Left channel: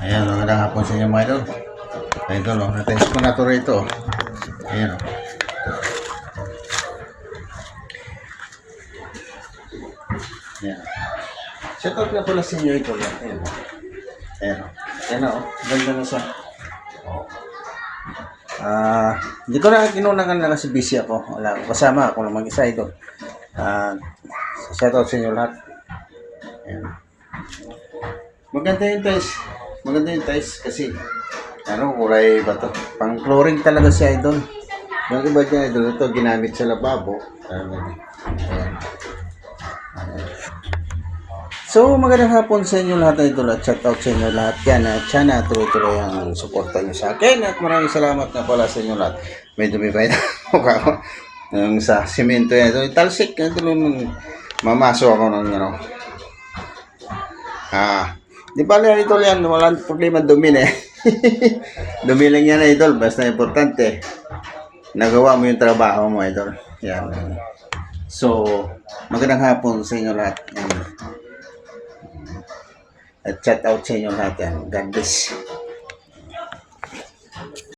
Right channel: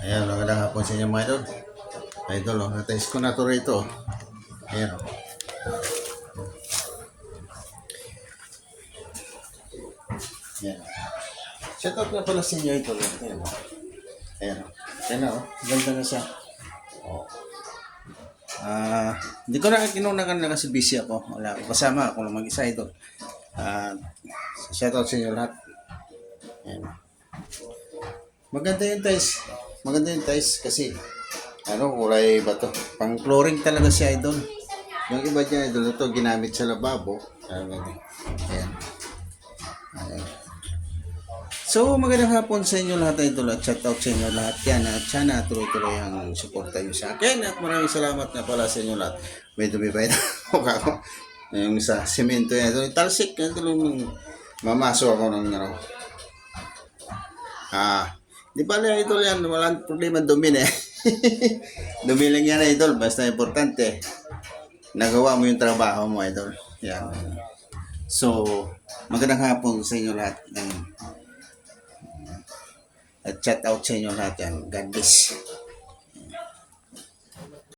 Ayan, magandang hapon sa inyo mga idol. Idol, na-test ko na ito rito. Ayan. Ayan. Shout out na pala sa inyo ito. Ayan. Ayan. Ayan o. Ganda na sa... Oh. Hindi ko na kinunakan na kasi busy ako. Wala akong kasama. Ako lang mag-isa ito. Shout out sa inyo lahat. Ayan. Maganda yung ties. Maganda yung ties kasi kulay ba to? Pang flooring talaga si idol. Yung iba dyan idol, ito ginamit sa lababo. Ayan. Ayan. So, magandang hapon sa inyo lahat idol at shout out sa inyo lahat yan. At sana tuloy-tuloy ang suporta nyo sa akin at maraming salamat na pala sa inyo lahat. May dumi pa ito. Yung sa simento yan. Ito, talsik. Ito lang mamaso ako ng di ba lang idol yan, walang problema dumi na eh. Dumi lang yan idol, basta importante nagawa mo yung trabaho mo idol. Yan. So, magandang hapon sa inyo lahat. Yan. At chat out sa inyo lahat yan. God bless.